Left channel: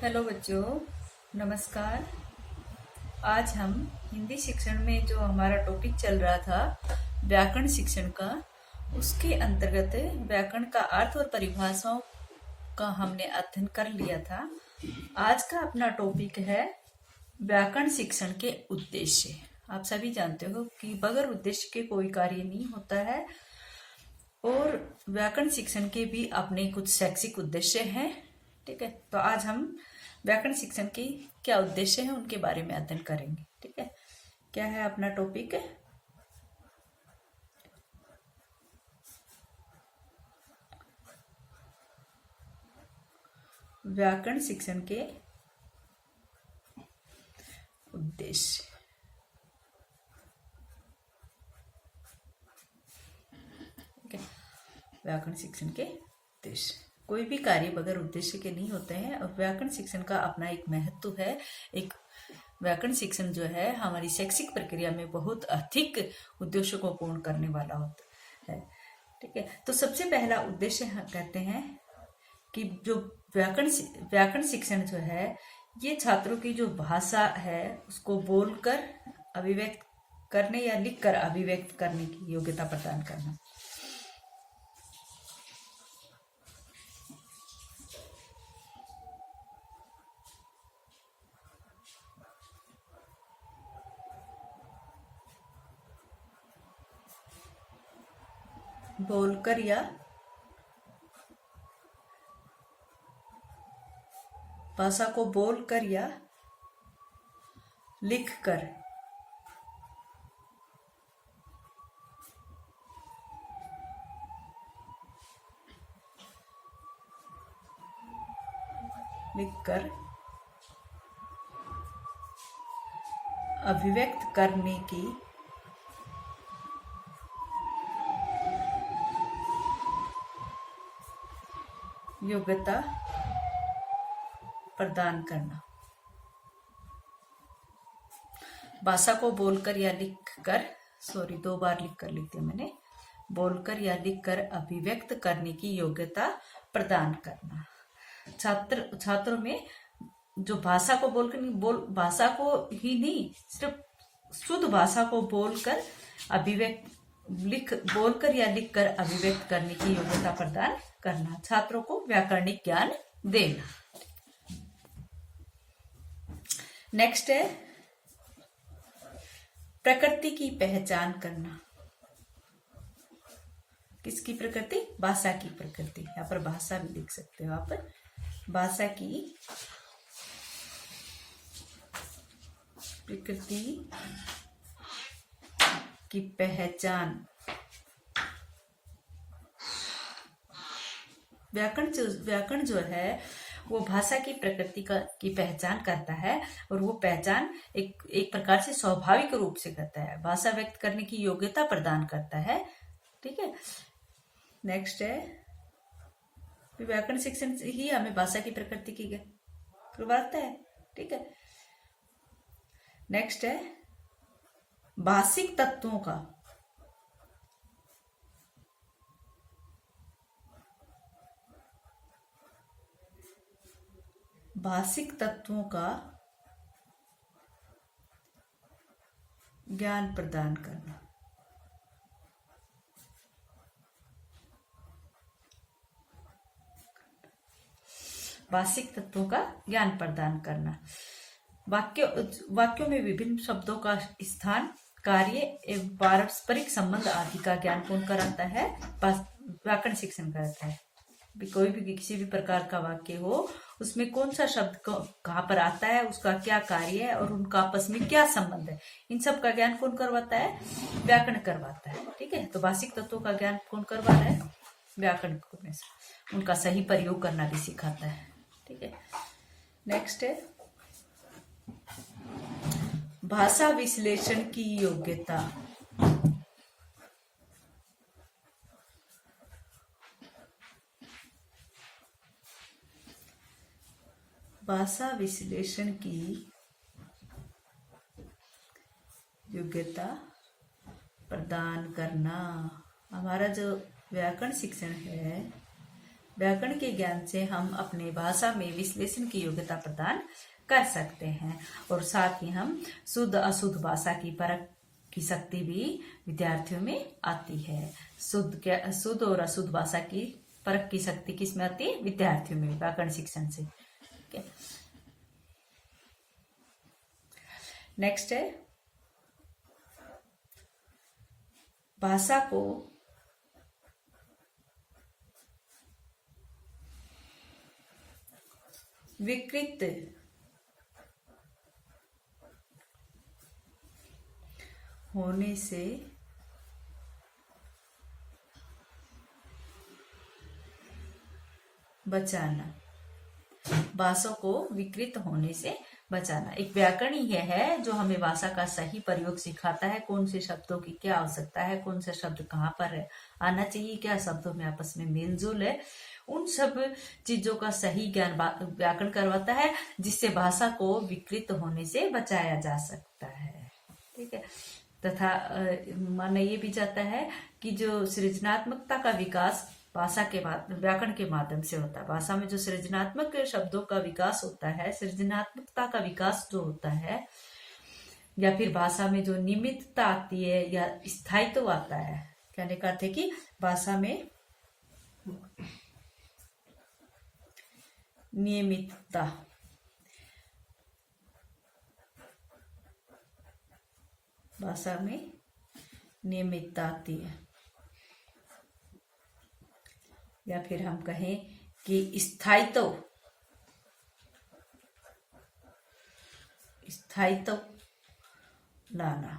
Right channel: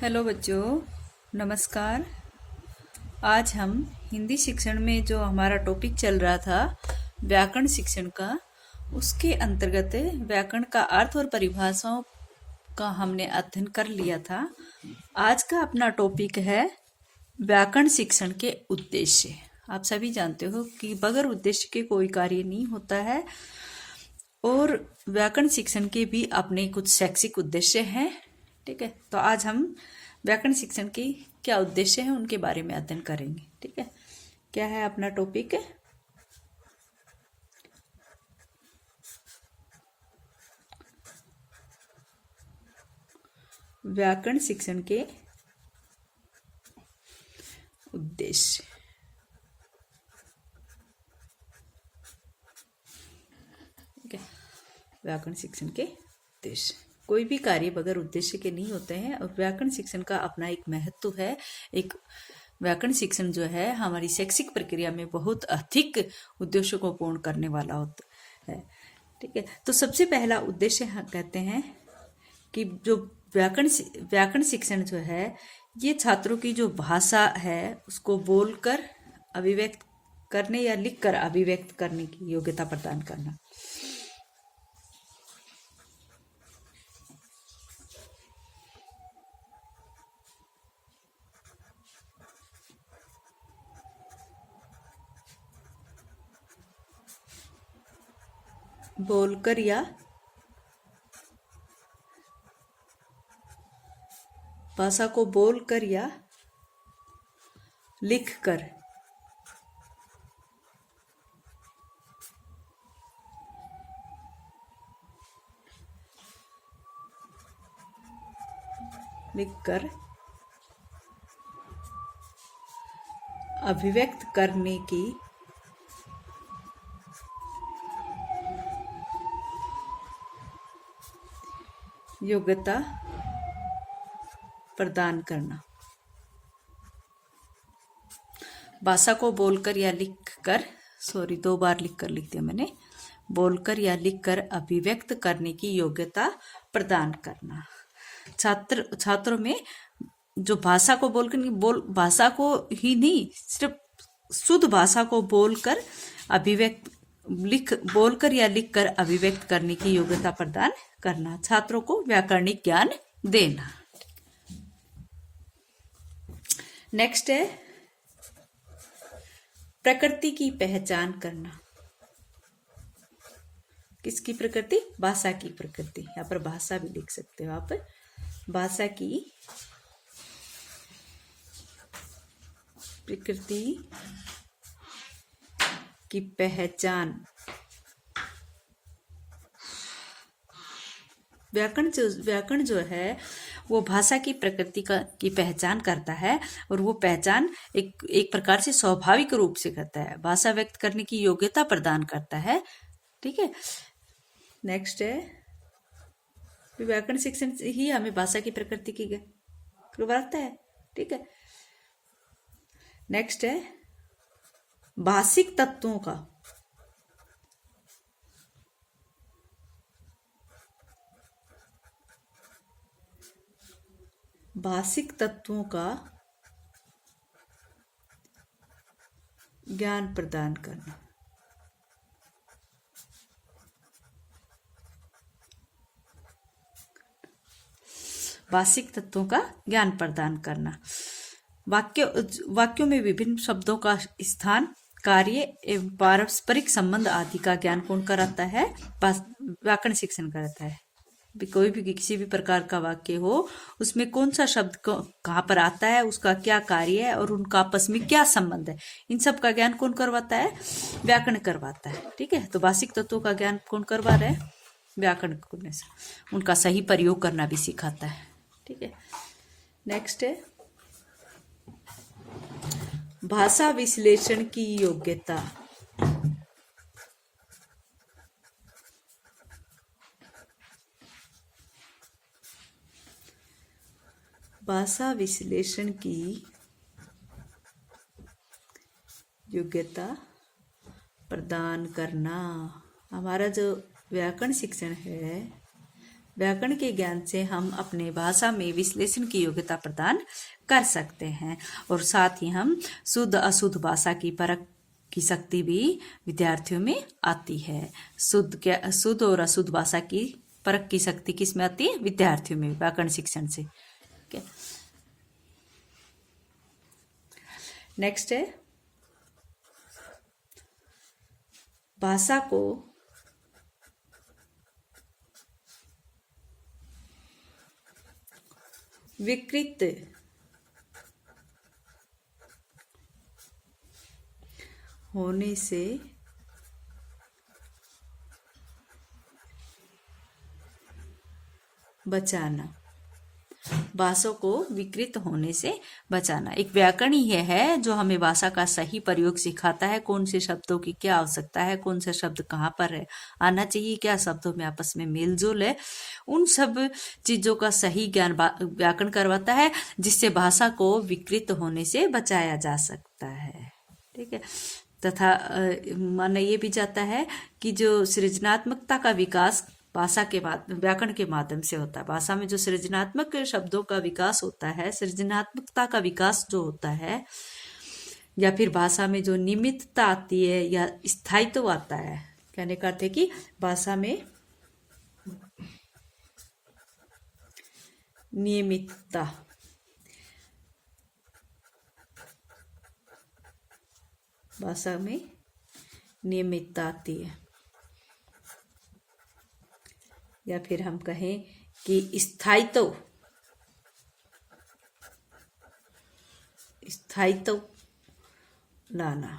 Hello बच्चों, नमस्कार। आज हम हिंदी शिक्षण में जो हमारा टॉपिक चल रहा था व्याकरण शिक्षण का, उसके अंतर्गत व्याकरण का अर्थ और परिभाषाओं का हमने अध्ययन कर लिया था। आज का अपना टॉपिक है व्याकरण शिक्षण के उद्देश्य। आप सभी जानते हो कि बगैर उद्देश्य के कोई कार्य नहीं होता है और व्याकरण शिक्षण के भी अपने कुछ शैक्षिक उद्देश्य हैं। ठीक है, तो आज हम व्याकरण शिक्षण के क्या उद्देश्य हैं उनके बारे में अध्ययन करेंगे। ठीक है, क्या है अपना टॉपिक? व्याकरण शिक्षण के उद्देश्य। ठीक है, व्याकरण शिक्षण के उद्देश्य। कोई भी कार्य बगैर उद्देश्य के नहीं होते हैं और व्याकरण शिक्षण का अपना एक महत्व है। एक व्याकरण शिक्षण जो है हमारी शैक्षिक प्रक्रिया में बहुत अधिक उद्देश्यों को पूर्ण करने वाला होता है। ठीक है, तो सबसे पहला उद्देश्य हम कहते हैं कि जो व्याकरण शिक्षण जो है ये छात्रों की जो भाषा है उसको बोलकर अभिव्यक्त करने या लिखकर अभिव्यक्त करने की योग्यता प्रदान करना। बोलकर या भाषा को बोलकर या लिखकर अभिव्यक्त करने की योग्यता प्रदान करना। भाषा को बोलकर या लिखकर, दो बार लिखकर लिख दिया मैंने, बोलकर या लिखकर अभिव्यक्त करने की योग्यता प्रदान करना। छात्रों में जो भाषा को बोलकर नहीं, भाषा को ही नहीं, सिर्फ शुद्ध भाषा को बोलकर बोलकर या लिखकर अभिव्यक्त करने की योग्यता प्रदान करना। छात्रों को व्याकरणिक ज्ञान देना। नेक्स्ट है प्रकृति की पहचान करना। किसकी प्रकृति? भाषा की प्रकृति। यहाँ पर भाषा भी लिख सकते हो आप। भाषा की प्रकृति की पहचान। व्याकरण जो है वो भाषा की प्रकृति की पहचान करता है और वो पहचान एक प्रकार से स्वाभाविक रूप से करता है। भाषा व्यक्त करने की योग्यता प्रदान करता है। ठीक है, नेक्स्ट है व्याकरण शिक्षण ही हमें भाषा की प्रकृति की करवाता है। ठीक है, नेक्स्ट है भाषिक तत्वों का ज्ञान प्रदान करना। भाषिक तत्वों का ज्ञान प्रदान करना। वाक्यों में विभिन्न शब्दों का स्थान, कार्य एवं पारस्परिक संबंध आदि का ज्ञान कौन कराता है? व्याकरण शिक्षण कराता है। कोई भी किसी भी प्रकार का वाक्य हो उसमें कौन सा शब्द कहाँ पर आता है, उसका क्या कार्य है और उनका आपस में क्या संबंध है, इन सब का ज्ञान कौन करवाता है? व्याकरण करवाता है। ठीक है, तो भाषिक तत्वों का ज्ञान कौन करवा रहा है? व्याकरण करने से उनका सही प्रयोग करना भी सिखाता है। ठीक है, नेक्स्ट है भाषा विश्लेषण की योग्यता। भाषा विश्लेषण की योग्यता प्रदान करना। हमारा जो व्याकरण शिक्षण है व्याकरण के ज्ञान से हम अपने भाषा में विश्लेषण की योग्यता प्रदान कर सकते हैं और साथ ही हम शुद्ध अशुद्ध भाषा की परख की शक्ति भी विद्यार्थियों में आती है। शुद्ध और अशुद्ध भाषा की परख की शक्ति किस में आती है? विद्यार्थियों में, व्याकरण शिक्षण से। नेक्स्ट है भाषा को विकृत होने से बचाना। भाषा को विकृत होने से बचाना एक व्याकरण ही है जो हमें भाषा का सही प्रयोग सिखाता है। कौन से शब्दों की क्या आवश्यकता है, कौन से शब्द कहाँ पर है आना चाहिए, क्या शब्दों में आपस में मेल जोल है, उन सब चीजों का सही ज्ञान व्याकरण करवाता है, जिससे भाषा को विकृत होने से बचाया जा सकता है। ठीक है। तथा माना ये भी जाता है कि जो सृजनात्मकता का विकास भाषा के व्याकरण के माध्यम से होता है। भाषा में जो सृजनात्मक शब्दों का विकास होता है, सृजनात्मकता का विकास जो होता है, या फिर भाषा में जो नियमितता आती है या स्थायित्व आता है, कहने का अर्थ है कि भाषा में नियमितता, भाषा में नियमितता आती है, या फिर हम कहें कि स्थायित्व लाना।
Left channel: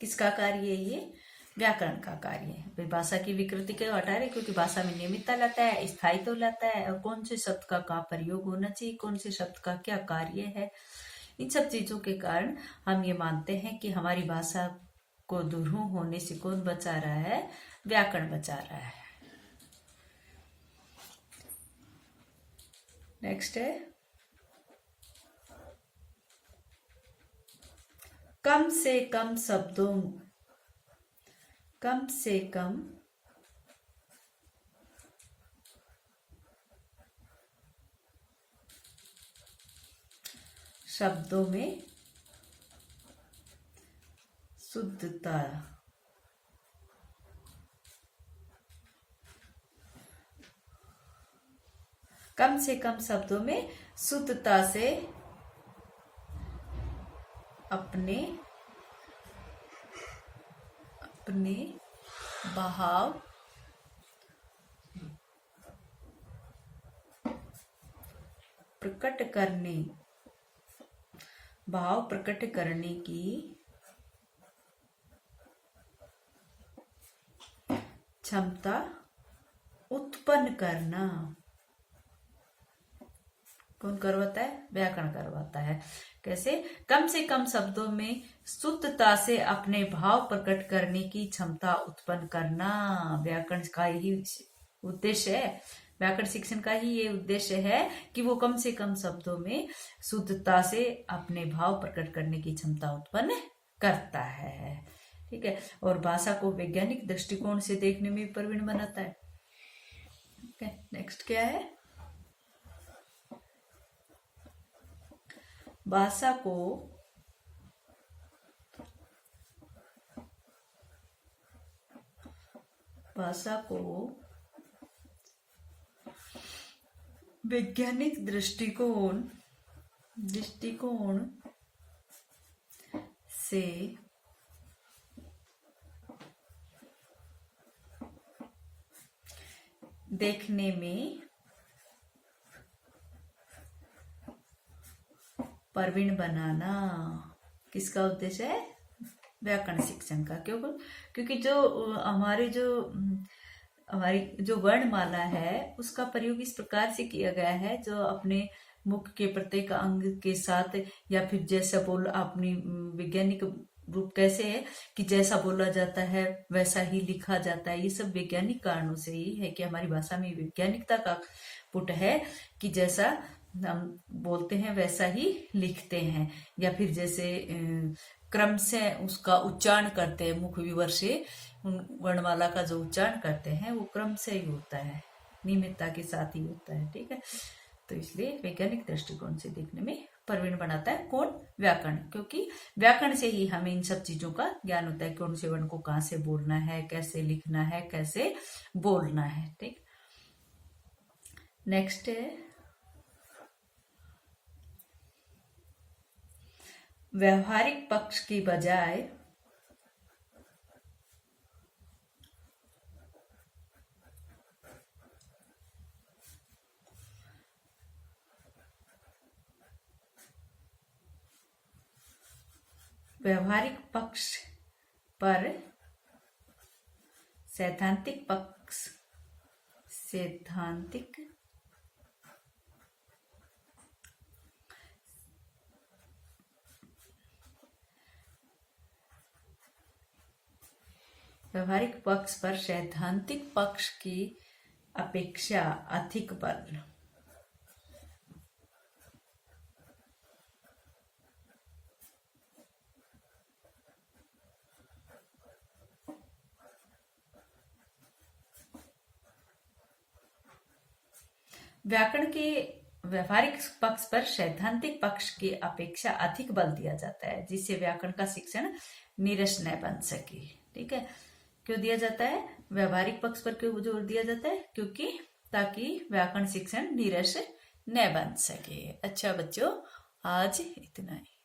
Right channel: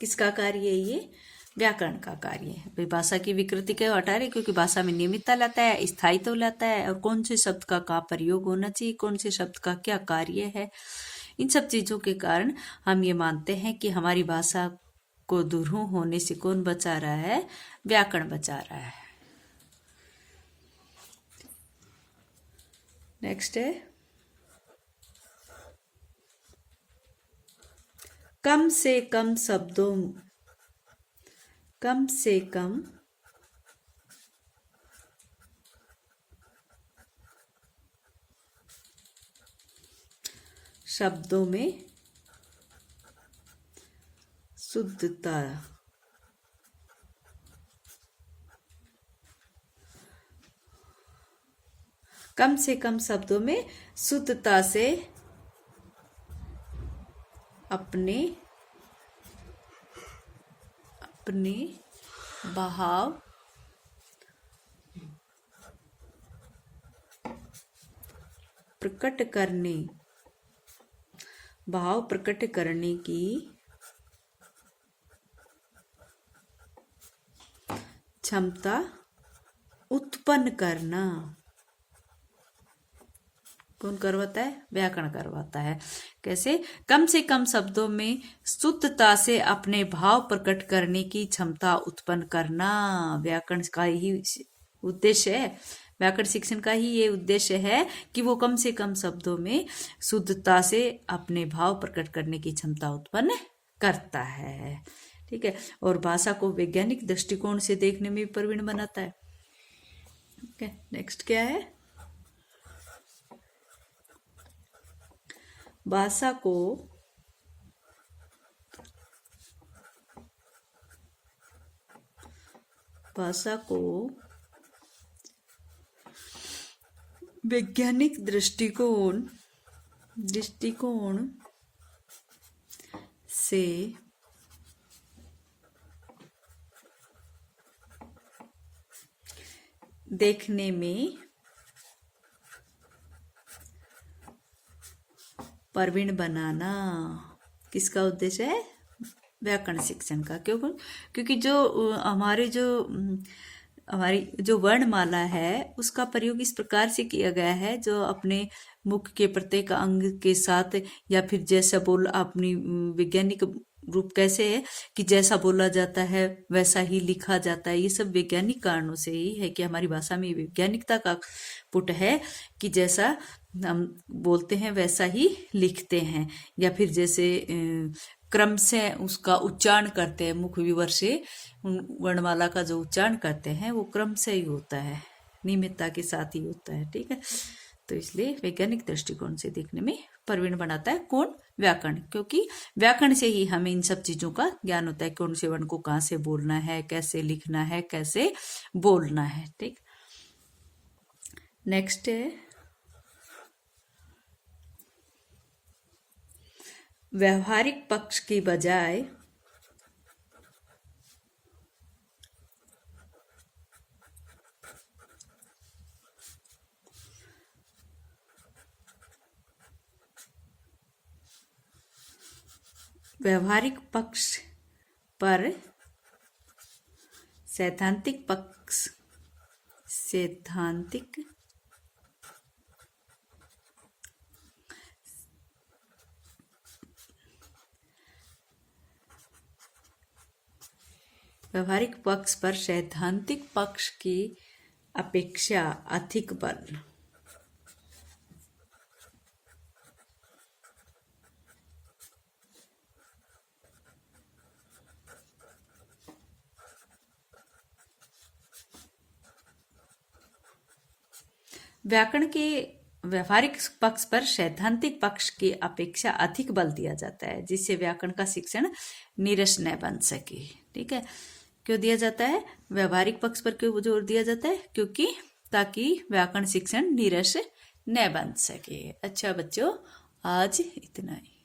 किसका कार्य है ये? व्याकरण का कार्य है। भाई भाषा की विकृति क्यों हटा रहे? क्योंकि भाषा में नियमितता लाता है, स्थायित्व लाता है, और कौन से शब्द का प्रयोग होना चाहिए, कौन से शब्द का क्या कार्य है, इन सब चीजों के कारण हम ये मानते हैं कि हमारी भाषा को दुरूह होने से कौन बचा रहा है? व्याकरण बचा रहा है। नेक्स्ट है कम से कम शब्दों में शुद्धता। कम से कम शब्दों में शुद्धता से अपने भाव प्रकट करने की क्षमता उत्पन्न करना। कौन करवाता है? व्याकरण करवाता है। कैसे? कम से कम शब्दों में शुद्धता से अपने भाव प्रकट करने की क्षमता उत्पन्न करना व्याकरण का ही उद्देश्य है। व्याकरण शिक्षण का ही ये उद्देश्य है कि वो कम से कम शब्दों में शुद्धता से अपने भाव प्रकट करने की क्षमता उत्पन्न करता है। ठीक है। और भाषा को वैज्ञानिक दृष्टिकोण से देखने में प्रवीण बनाता है। ओके, नेक्स्ट क्या है? भाषा को वैज्ञानिक दृष्टिकोण से देखने में प्रवीण बनाना किसका उद्देश्य है? व्याकरण शिक्षण का। क्योंकि हमारी जो वर्णमाला है उसका प्रयोग इस प्रकार से किया गया है, जो अपने मुख के प्रत्येक अंग के साथ, या फिर जैसा अपनी वैज्ञानिक रूप कैसे है कि जैसा बोला जाता है वैसा ही लिखा जाता है। ये सब वैज्ञानिक कारणों से ही है कि हमारी भाषा में वैज्ञानिकता का पुट है कि जैसा हम बोलते हैं वैसा ही लिखते हैं, या फिर जैसे क्रम से उसका उच्चारण करते हैं, मुख विवर से वर्णमाला का जो उच्चारण करते हैं वो क्रम से ही होता है। नियमितता के साथ ही होता है। ठीक है, तो इसलिए वैज्ञानिक दृष्टिकोण से देखने में प्रवीण बनाता है कौन? व्याकरण, क्योंकि व्याकरण से ही हमें इन सब चीजों का ज्ञान होता है, कौन से वर्ण को कहाँ से बोलना है, कैसे लिखना है, कैसे बोलना है। ठीक, नेक्स्ट है व्यवहारिक पक्ष की बजाय व्यवहारिक पक्ष पर सैद्धांतिक पक्ष व्यवहारिक पक्ष पर सैद्धांतिक पक्ष की अपेक्षा अधिक बल। व्याकरण के व्यवहारिक पक्ष पर सैद्धांतिक पक्ष की अपेक्षा अधिक बल दिया जाता है, जिससे व्याकरण का शिक्षण नीरस न बन सके। ठीक है, क्यों दिया जाता है? व्यवहारिक पक्ष पर क्यों जोर दिया जाता है? क्योंकि ताकि व्याकरण शिक्षण नीरस न बन सके। अच्छा बच्चों, आज इतना ही।